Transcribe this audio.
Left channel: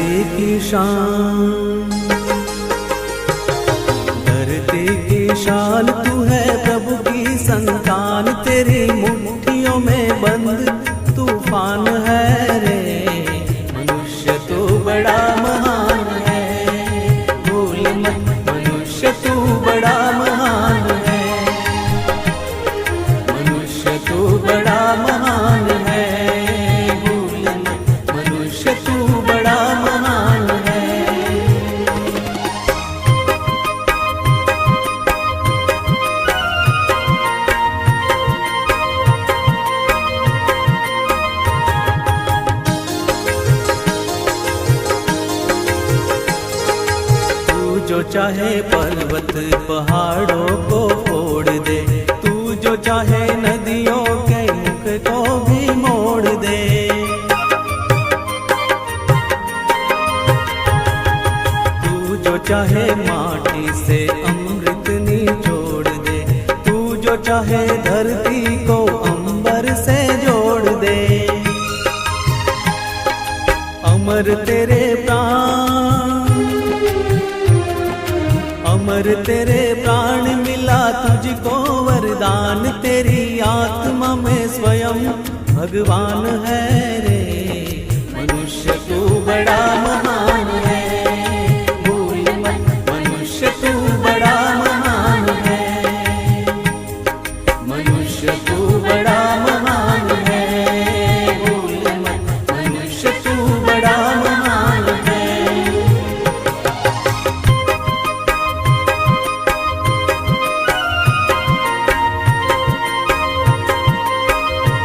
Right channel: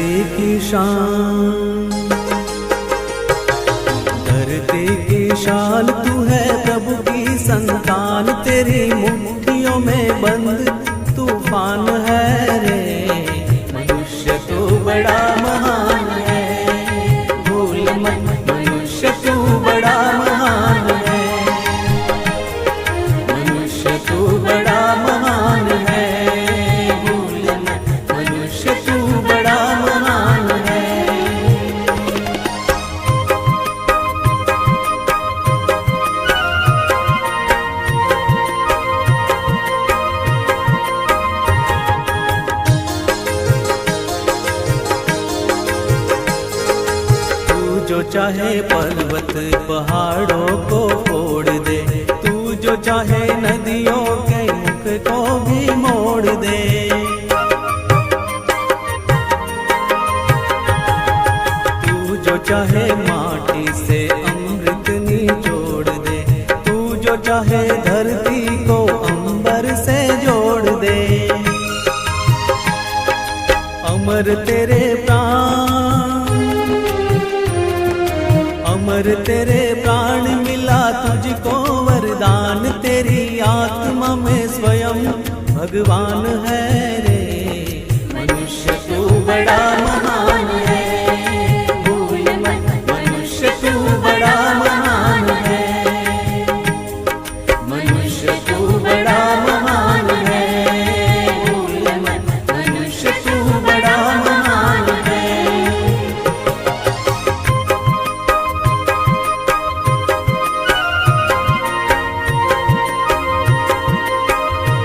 धरती की शान, धरती की शान तू है प्रभु की संतान, तेरी मुट्ठियों में बंद तूफान है रे। मनुष्य तू बड़ा महान है, भूल मत मनुष्य तू बड़ा महान है, मनुष्य तू बड़ा महान है, भूल मत मनुष्य तू बड़ा महान है। जो चाहे पर्वत पहाड़ों को फोड़ दे, तू जो चाहे नदियों के मुख को भी मोड़ दे। तू जो चाहे माटी से अमृत निचोड़ दे, तू जो चाहे धरती को अंबर से जोड़ दे। अमर तेरे प्राण, अमर तेरे प्राण मिला तुझको वरदान, तेरी आत्मा में स्वयं भगवान है रे। मनुष्य तू बड़ा महान है,